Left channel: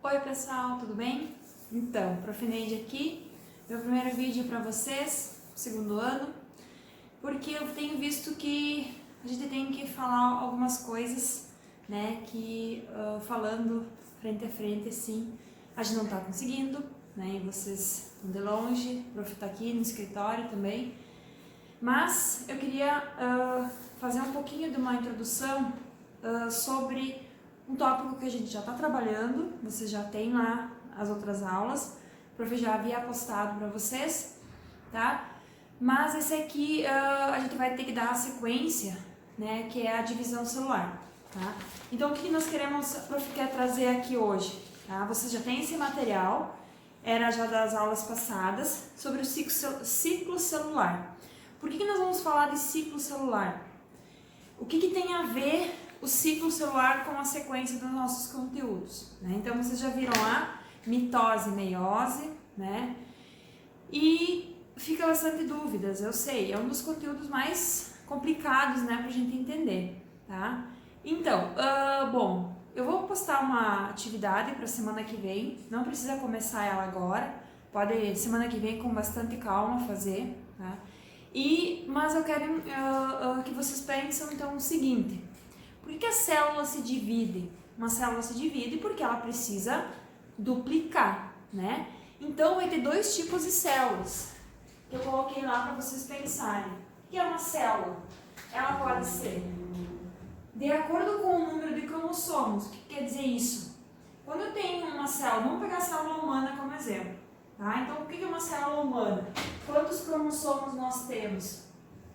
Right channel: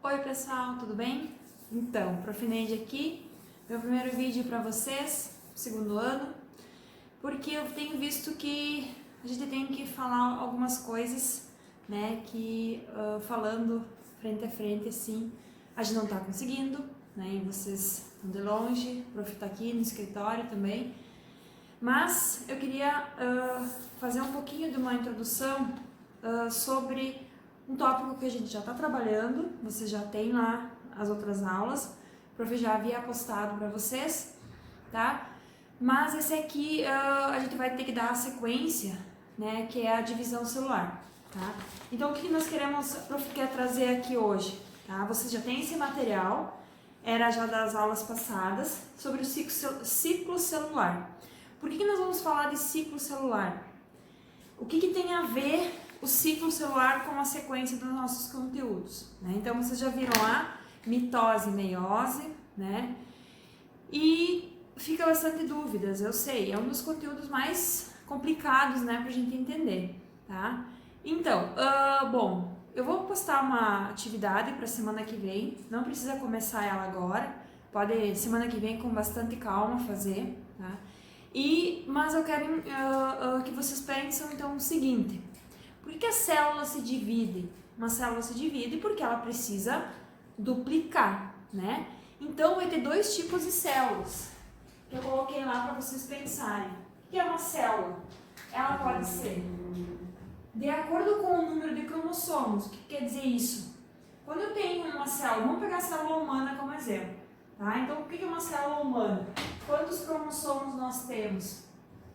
Oi pessoal, tudo bem? Então, Prof. Neide aqui, meu primeiro vídeo para vocês, segundo ano, porque eu tenho visto que a gente tem que falar algumas coisas, né, que falando frente a frente, assim, a gente não tá conseguindo, né, e vocês estão de longe, o Prof. tá aqui no escritório também, mas eu queria fazer um pouquinho de uma introdução sobre um tópico que a gente já está trabalhando, vocês já têm lá as outras aulas, o prof já havia postado para vocês, tá? Mas esse aqui a gente vai ter que dar a sequência, né, que é a divisão celular, tá? Então o que nós queremos, o prof quer trazer aqui hoje, tá? Vocês já têm esse material, era já das aulas passadas, sobre o ciclo celular. Por que nós vamos falar de ciclo celular? O que tem a ver o ciclo celular com a sequência dos nossos conteúdos, né? Então vocês já viram lá mitose e meiose, né? E fica bastante dúvidas, eu sei, é um dos conteúdos mais complicados, né, pra gente entender, tá? Então, bom, eu vou postar uma atividade para semana que vem, não precisa começar ela agora, pode semana que vem com bastante calma fazer, tá? Mas eu quero que vocês pensem então o seguinte: por que a célula se divide? Uma célula se divide porque ela precisa duplicar, né? Então vai ter dois tipos de células que eu coloquei lá para vocês pensarem. O que é uma célula? Ela pode ser de acordo com o número de cromossomos. O que quer dizer isso? Quando eu tenho uma célula, vamos pegar a célula humana como exemplo, tá? Então o que é uma célula humana? Quantos cromossomos nós temos?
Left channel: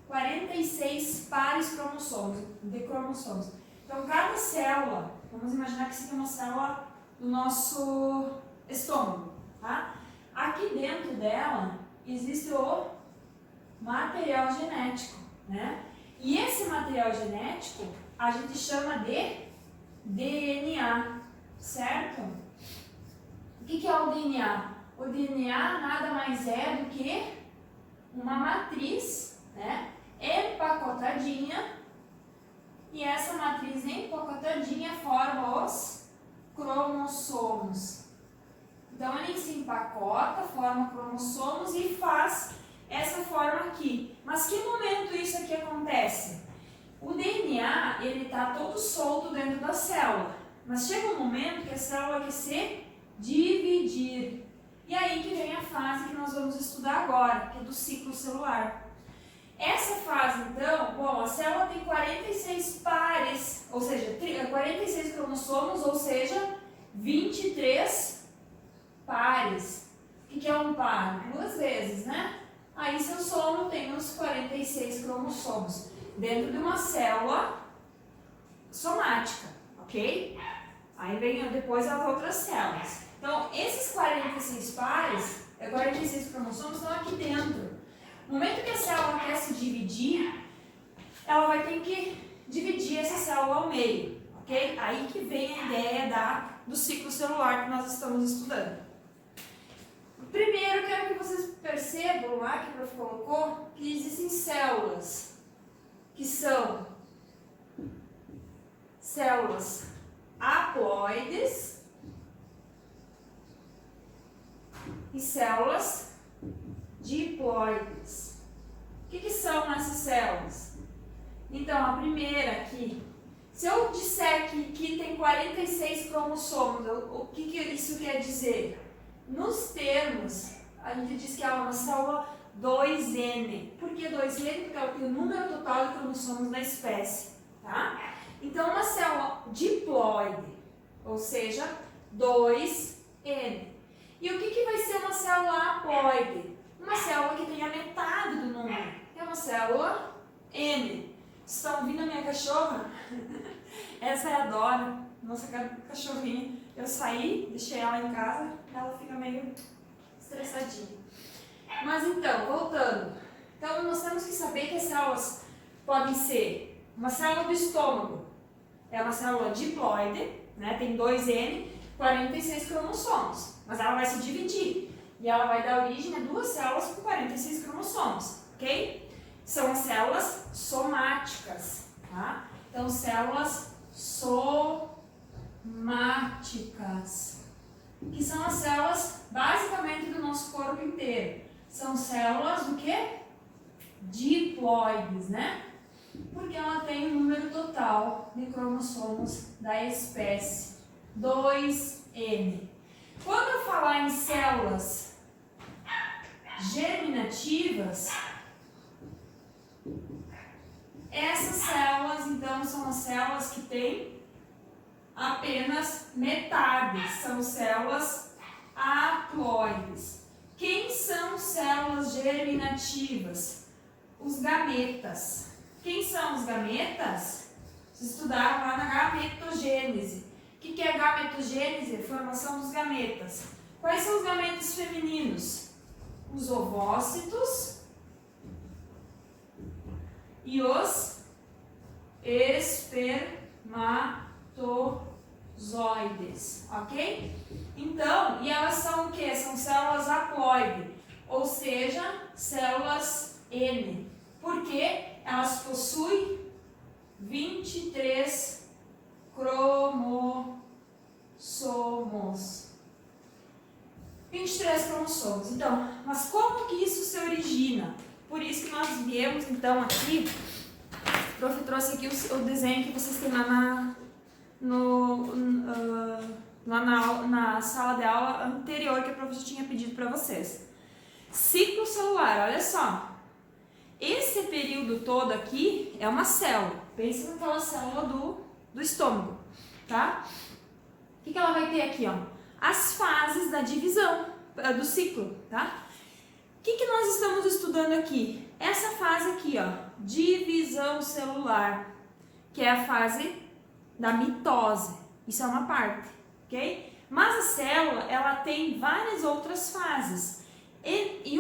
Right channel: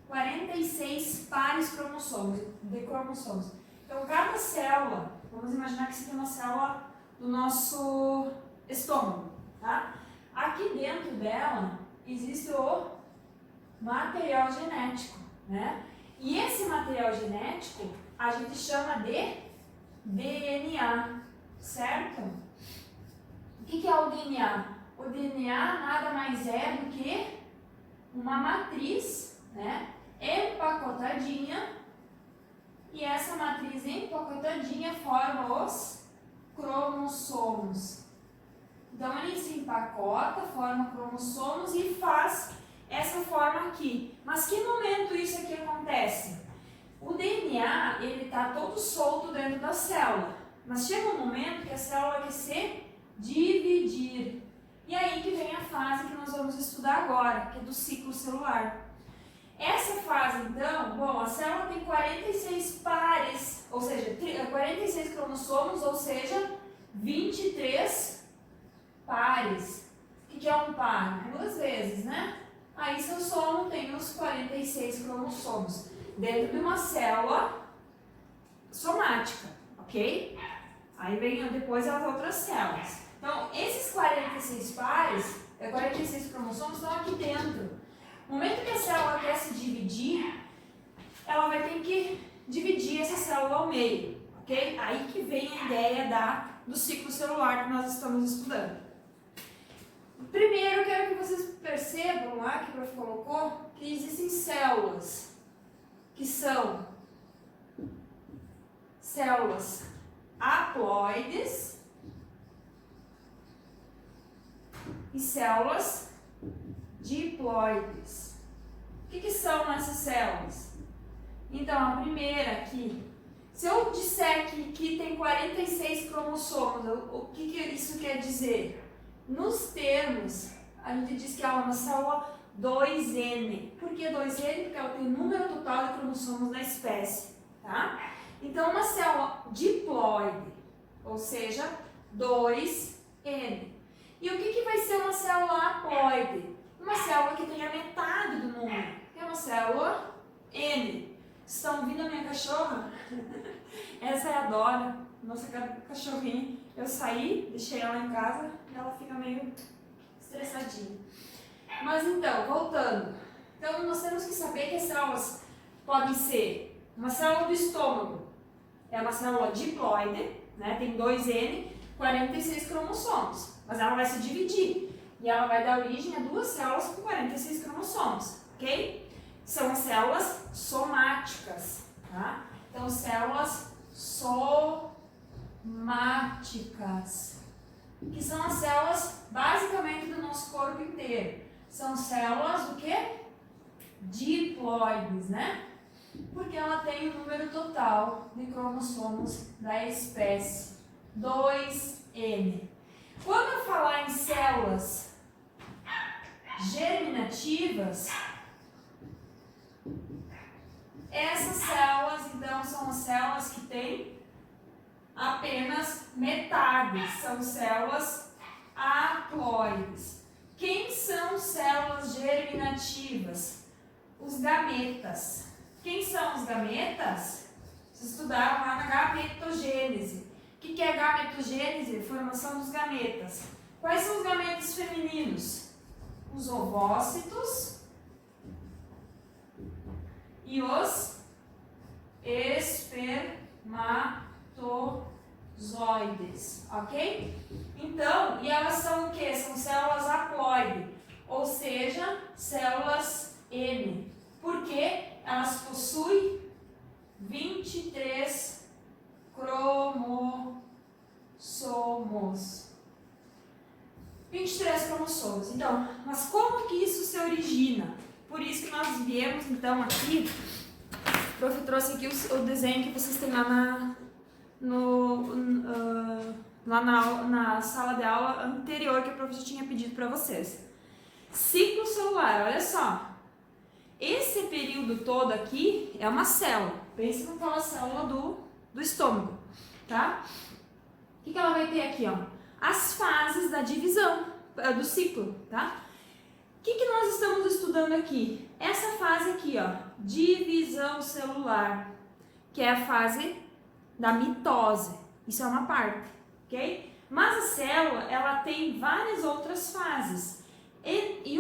46 pares de cromossomos. Então, cada célula, vamos imaginar que isso aqui é uma célula do nosso estômago, tá? Aqui dentro dela existe o material genético, né? E esse material genético a gente chama de DNA, certo? O que é o DNA? O DNA nada mais é do que uma matriz, né, empacotadinha, e essa matriz empacotadinha forma os cromossomos. Então ele se empacota, forma cromossomos e faz essa forma aqui. Mas que momento isso aqui acontece? O DNA, ele está todo solto dentro da célula, mas chega um momento que a célula quer se dividir. E aí que vem a fase que nós vamos estudar agora, que é do ciclo celular. Essa fase, então, bom, a célula tem 46 pares, ou seja, 46 cromossomos, ou seja, 23 pares. O que é um par? 2 vezes, né? Aí, se eu somo, tem os 46 cromossomos dentro de uma célula somática, ok? Aí vem depois as outras células. Então, esses 46 pares, 46 cromossomos estão aqui dentro. No momento que a célula quer se dividir, ela vai ter que dividir essa célula ao meio, ok? Aí que vem a ideia do ciclo celular que nós estamos estudando. Primeiro, eu quero que vocês percebam lá, que o prof colocou, que existem células, que são células haploides e células diploides. O que são essas células? Então, a primeira aqui, se eu disser que tem 46 cromossomos, o que isso quer dizer? Nos termos, a gente diz que ela é uma célula 2N. Por que 2N? Porque ela tem o número total de cromossomos da espécie, tá? Então, uma célula diploide, ou seja, 2N. E o que vai ser uma célula haploide? Uma célula que tem a metade do número. É uma célula N. Vocês estão ouvindo a minha cachorra? Essa é a Dora, nossa cachorrinha. Eu saí, deixei ela em casa, ela fica meio estressadinha. Mas então, voltando. Então, nós temos que saber que as células podem ser uma célula do estômago. É uma célula diploide, né? Tem 2N, 46 cromossomos. Mas ela vai se dividir. E ela vai dar origem a duas células com 46 cromossomos, ok? São as células somáticas, tá? Então, células somáticas. que são as células basicamente do nosso corpo inteiro. São células do quê? Diploides, né? Porque ela tem um número total de cromossomos da espécie 2N. Quando eu falar em células germinativas, essas células, então, são as células que têm apenas metade, são células haploides. Quem são células germinativas? Os gametas. Quem são os gametas? Vocês estudaram lá na gametogênese. O que é gametogênese? Formação dos gametas. Quais são os gametas femininos? Os ovócitos e os espermatozoides, ok? Então, e elas são o que? São células haploides, ou seja, células N. Por quê? Elas possuem 23 cromossomos. 23 cromossomos. Então, mas como que isso se origina? Por isso que nós viemos, então, aqui, o prof trouxe aqui o desenho que vocês têm lá na sala de aula anterior que o professor tinha pedido para vocês. Ciclo celular, olha só. Esse período todo aqui é uma célula. Pensa naquela célula do estômago, tá? O que ela vai ter aqui, ó? As fases da divisão do ciclo, tá? O que nós estamos estudando aqui? Essa fase aqui, ó, divisão celular, que é a fase da mitose. Isso é uma parte, ok? Mas a célula, ela tem várias outras fases. E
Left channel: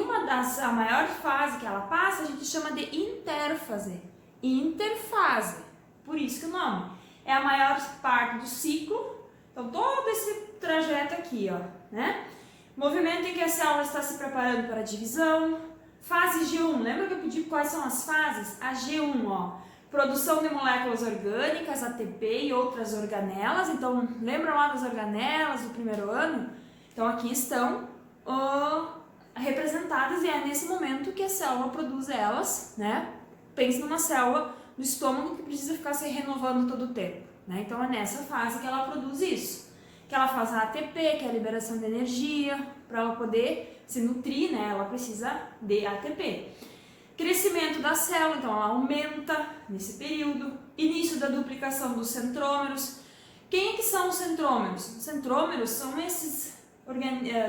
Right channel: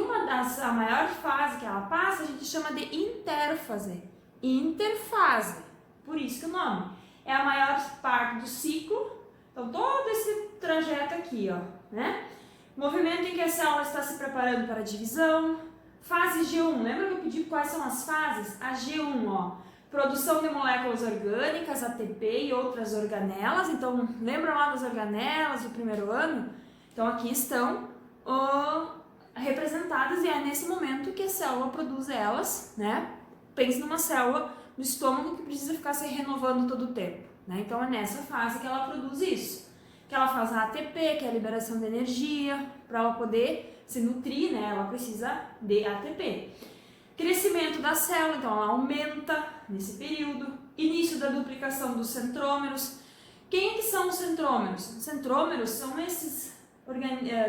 a maior fase que ela passa, a gente chama de interfase. Interfase, por isso que o nome. É a maior parte do ciclo. Então, todo esse trajeto aqui, ó, né? Movimento em que a célula está se preparando para a divisão. Fase G1, lembra que eu pedi quais são as fases? A G1, ó, produção de moléculas orgânicas, ATP e outras organelas. Então, lembra lá das organelas do primeiro ano? Então, aqui estão representadas e é nesse momento que a célula produz elas, né? Pense numa célula do estômago que precisa ficar se renovando todo o tempo, né? Então, é nessa fase que ela produz isso. Que ela faz a ATP, que é a liberação de energia, para ela poder se nutrir, né? Ela precisa de ATP. Crescimento da célula, então ela aumenta nesse período. Início da duplicação dos centrômeros. Quem é que são os centrômeros? Os centrômeros são esses,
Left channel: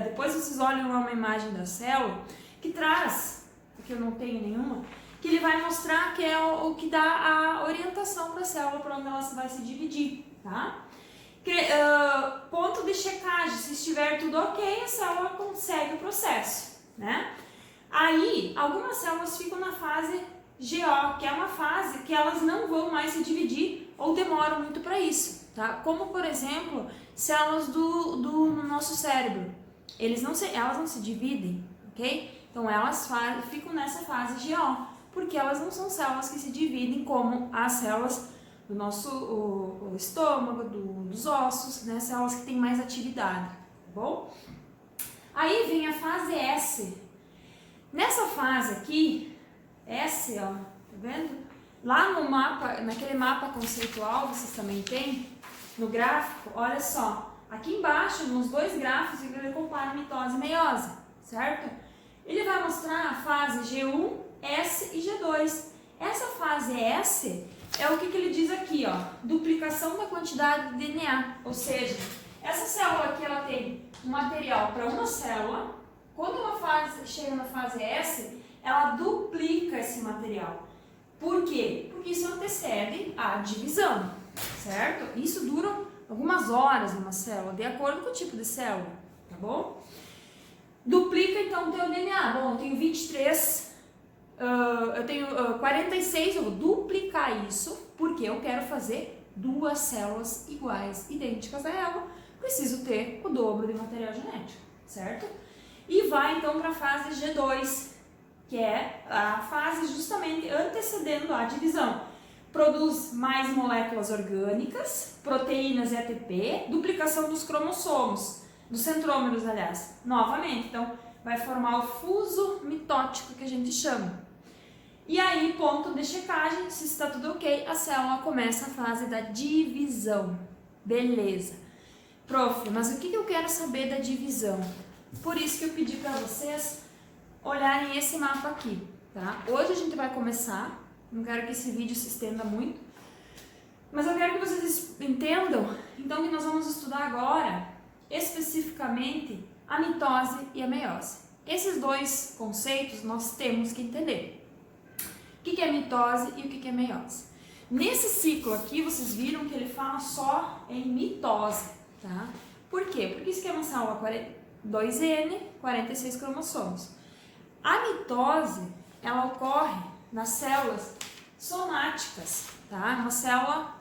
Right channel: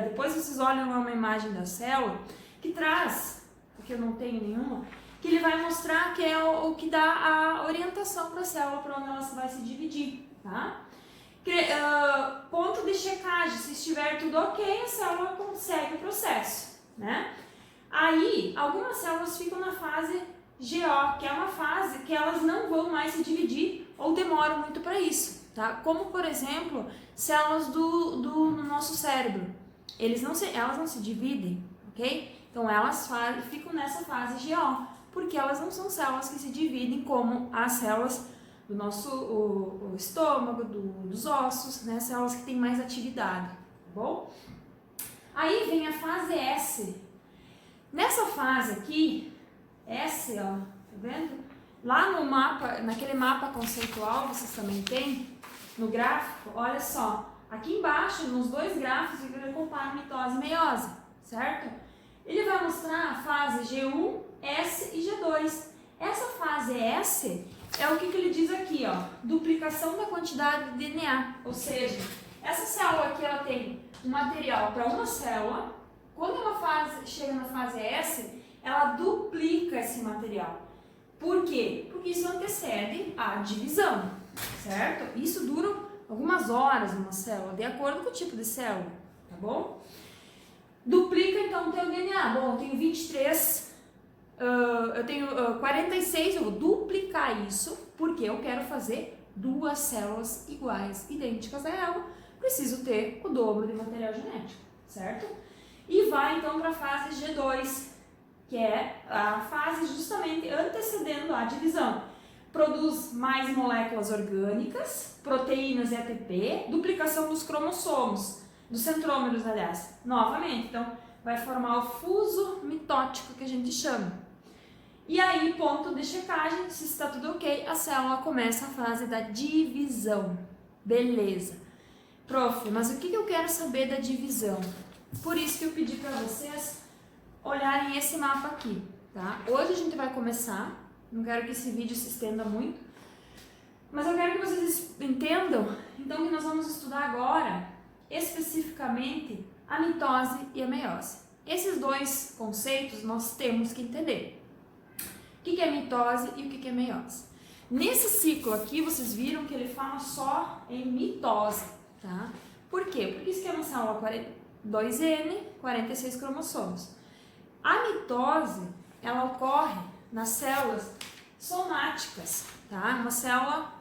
depois vocês olham lá uma imagem da célula, que traz, aqui eu não tenho nenhuma, que ele vai mostrar que é o que dá a orientação para a célula, para onde ela vai se dividir, tá? Ponto de checagem, se estiver tudo ok, a célula consegue o processo, né? Aí, algumas células ficam na fase GO, que é uma fase que elas não vão mais se dividir ou demoram muito para isso, tá? Como, por exemplo, células do nosso cérebro. Elas não se dividem, ok? Então, elas ficam nessa fase GO, porque elas não são células que se dividem como as células do nosso o estômago, dos ossos, né? Células que têm mais atividade, tá bom? Aí vem a fase S. Nessa fase aqui, S, ó, tá vendo? Lá no mapa, naquele mapa conceitual, vocês também têm, no gráfico, olha só. Aqui embaixo, nos dois gráficos, ele compara mitose e meiose, certo? Ele vai mostrar a fase G1, S e G2. Essa fase S é o que ele diz aqui, ó, duplicação da quantidade de DNA, ou seja, essa célula aqui ela tem um material para uma célula. Quando ela chega na fase S, ela duplica esse material. Por quê? Porque isso antecede a divisão, certo? Isso dura algumas horas numa célula, de acordo com o tipo de célula, tá bom? Duplica então o teu DNA. Bom, eu tenho 23, eu tenho 46, eu vou duplicar isso, porque eu quero fazer duas células iguais, idênticas a ela. Preciso ter o dobro de material genético, certo? E vai então para a fase G2, que é a fase justamente antecedendo a divisão. Produz mais moléculas orgânicas, proteínas e ATP, duplicação dos cromossomos. dos centrômeros, aliás, novamente. Então, vai formar o fuso mitótico que a gente chama. E aí, ponto de checagem, se está tudo ok, a célula começa a fase da divisão. Beleza. Prof, mas o que eu quero saber da divisão? Por isso que eu pedi para vocês olharem esse mapa aqui, tá? Hoje a gente vai começar, não quero que esse vídeo se estenda muito, mas eu quero que vocês entendam, então, que nós vamos estudar agora, especificamente, a mitose e a meiose. Esses dois conceitos nós temos que entender. O que é mitose e o que é meiose? Nesse ciclo aqui, vocês viram que ele fala só em mitose, tá? Por quê? Porque isso aqui é uma célula 2N, 46 cromossomos. A mitose, ela ocorre nas células somáticas, tá? Uma célula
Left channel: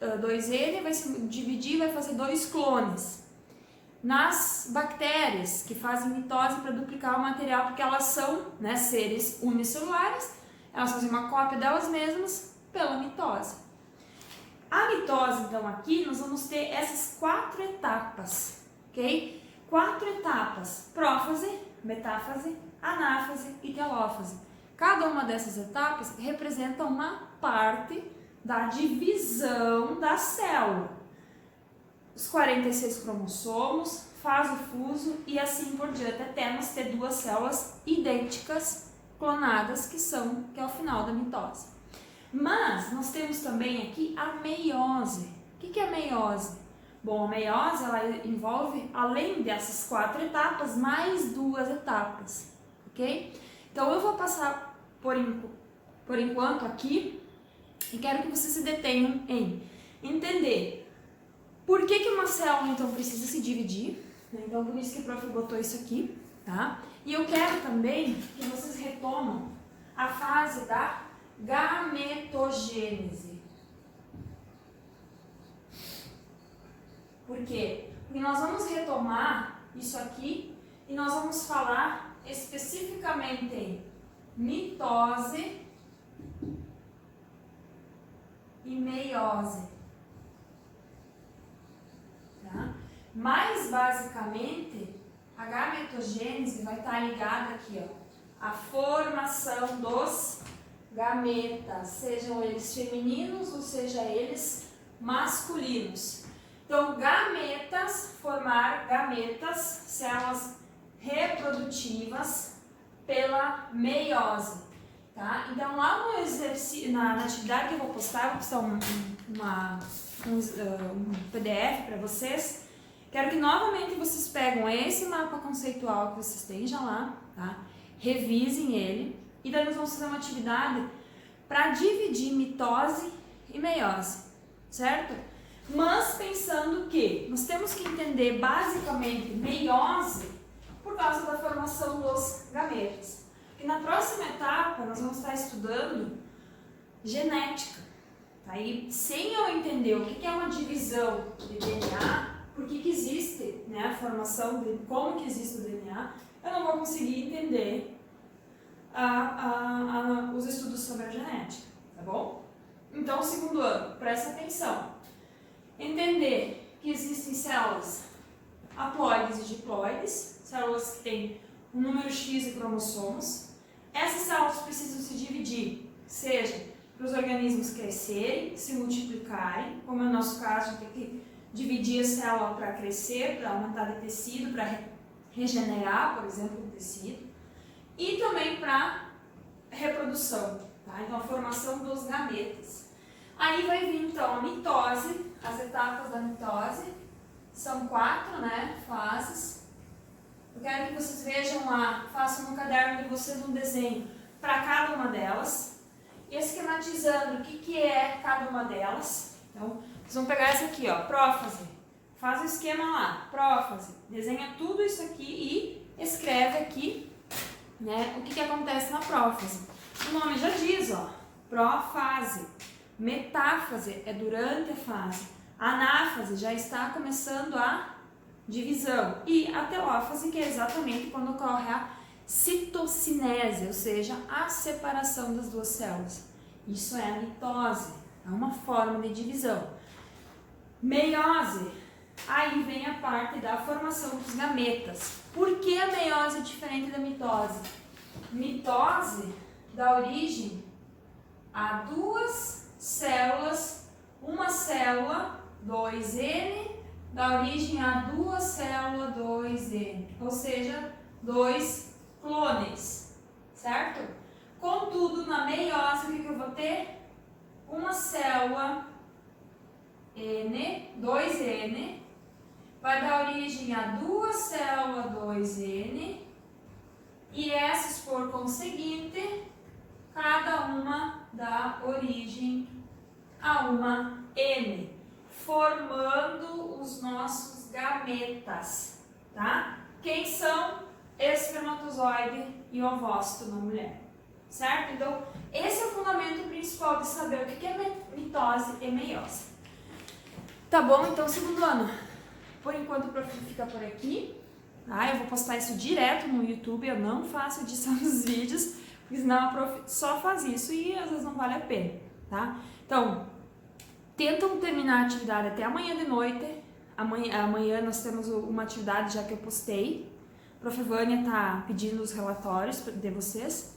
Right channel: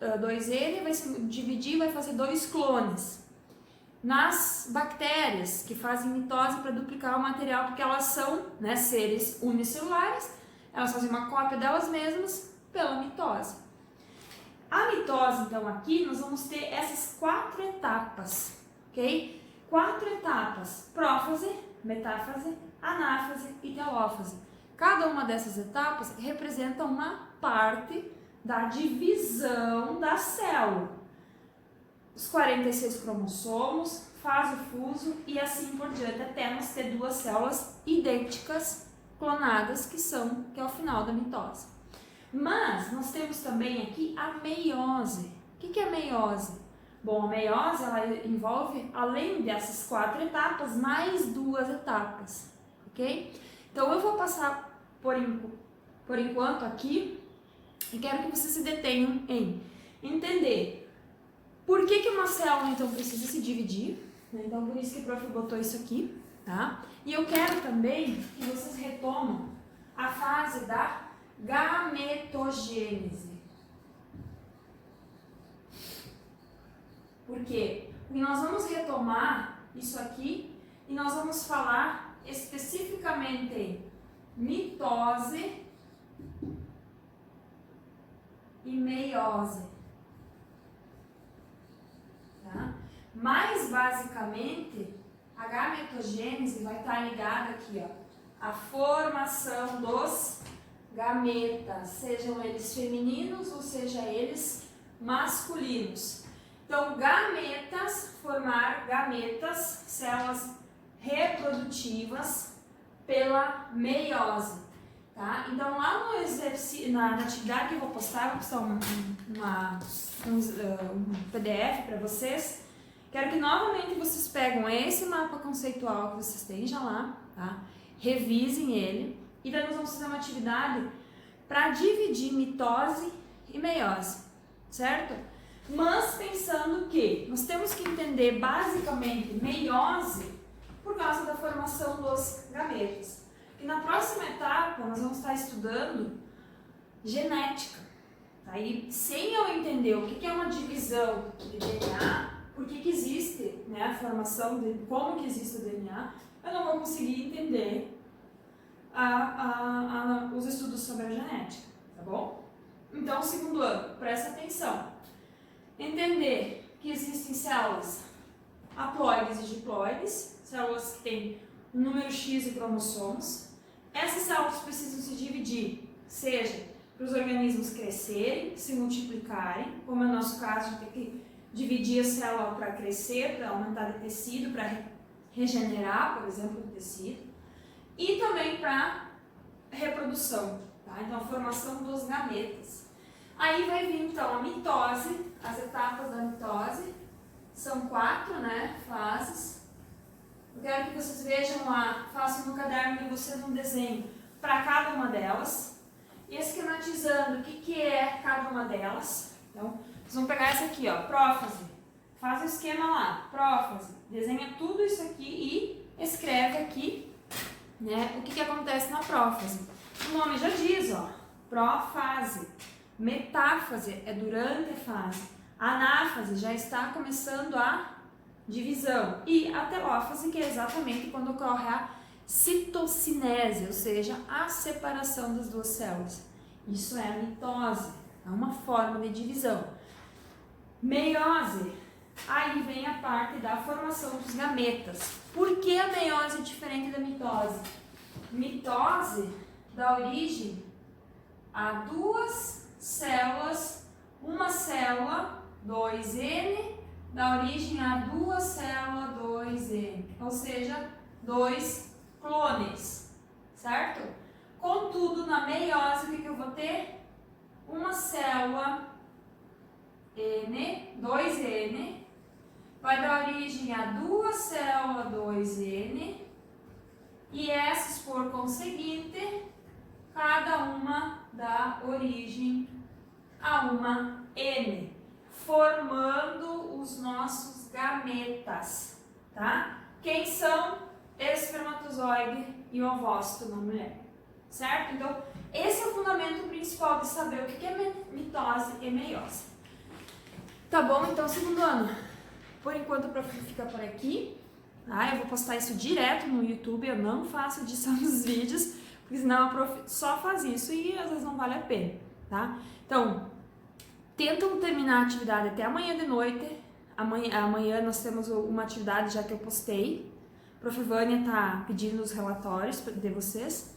2N vai se dividir, vai fazer 2 clones. Nas bactérias, que fazem mitose para duplicar o material, porque elas são, né, seres unicelulares, elas fazem uma cópia delas mesmas pela mitose. A mitose, então, aqui nós vamos ter essas 4 etapas, ok? 4 etapas: prófase, metáfase, anáfase e telófase. Cada uma dessas etapas representa uma parte da divisão da célula. Os 46 cromossomos, faz o fuso e assim por diante, até nós ter 2 células idênticas, clonadas, que é o final da mitose. Mas nós temos também aqui a meiose. O que é a meiose? Bom, a meiose, ela envolve, além dessas 4 etapas, mais 2 etapas, ok? Então eu vou passar por enquanto aqui e quero que vocês se detenham em entender por que uma célula então precisa se dividir, né? Então por isso que o prof botou isso aqui, tá? E eu quero também que vocês retomam a fase da gametogênese. Por quê? Porque nós vamos retomar isso aqui e nós vamos falar especificamente em mitose e meiose. Tá? Mais basicamente, a gametogênese vai estar ligada aqui, ó, à formação dos gametas, sejam eles femininos ou sejam eles masculinos. Então, gametas, formar gametas, células reprodutivas pela meiose, tá? Então, lá no exercício, na atividade que eu vou postar, eu vou postar um PDF para vocês. Quero que novamente vocês peguem esse mapa conceitual que vocês têm já lá, tá? Revisem ele e daí nós vamos fazer uma atividade para dividir mitose e meiose, certo? Mas pensando que nós temos que entender basicamente meiose por causa da formação dos gametas. E na próxima etapa nós vamos estar estudando genética. Aí, sem eu entender o que é uma divisão de DNA, por que existe, né, a formação, como que existe o DNA, eu não vou conseguir entender os estudos sobre a genética, tá bom? Então, segundo ano, presta atenção. Entender que existem células haploides e diploides, células que têm um número X de cromossomos. Essas células precisam se dividir, seja para os organismos crescerem, se multiplicarem, como é o nosso caso, a gente tem que dividir a célula para crescer, para aumentar de tecido, para regenerar, por exemplo, o tecido, e também para reprodução, tá? Então, a formação dos gametas. Aí vai vir, então, a mitose, as etapas da mitose, são 4, né, fases. Eu quero que vocês vejam lá, façam no caderno de vocês um desenho para cada uma delas, esquematizando o que é cada uma delas. Então, vocês vão pegar essa aqui, ó, prófase, faz o esquema lá, prófase, desenha tudo isso aqui e escreve aqui, né, o que acontece na prófase. O nome já diz, ó, profase. Metáfase é durante a fase. Anáfase já está começando a divisão. E a telófase, que é exatamente quando ocorre a citocinese, ou seja, a separação das 2 células. Isso é a mitose, é uma forma de divisão. Meiose Aí vem a parte da formação dos gametas. Por que a meiose é diferente da mitose? Mitose dá origem a duas células, uma célula 2N dá origem a duas células 2N, ou seja, dois clones, certo? Contudo, na meiose, o que eu vou ter? Uma célula N, 2N, vai dar origem a duas células 2N, e essas, por conseguinte, cada uma dá origem a uma N, formando os nossos gametas, tá? Quem são? Espermatozoide e ovócito na mulher, certo? Então, esse é o fundamento principal de saber o que é mitose e meiose. Tá bom? Então, segundo ano, por enquanto o Prof fica por aqui, tá? Eu vou postar isso direto no YouTube, eu não faço edição dos vídeos, porque senão a Prof só faz isso e às vezes não vale a pena, tá? Então, tentam terminar a atividade até amanhã de noite. Amanhã nós temos uma atividade já que eu postei. A Prof Vânia tá pedindo os relatórios de vocês.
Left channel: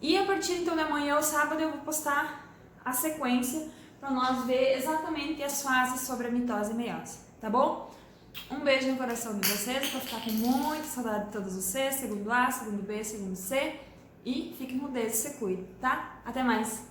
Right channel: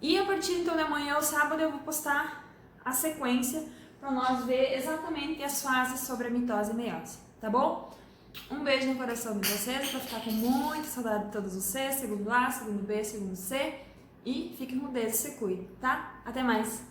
E a partir então de amanhã, ou sábado, eu vou postar a sequência para nós ver exatamente as fases sobre a mitose e meiose, tá bom? Um beijo no coração de vocês, para ficar com muita saudade de todos vocês, segundo A, segundo B, segundo C. E fiquem com Deus e se cuidem, tá? Até mais!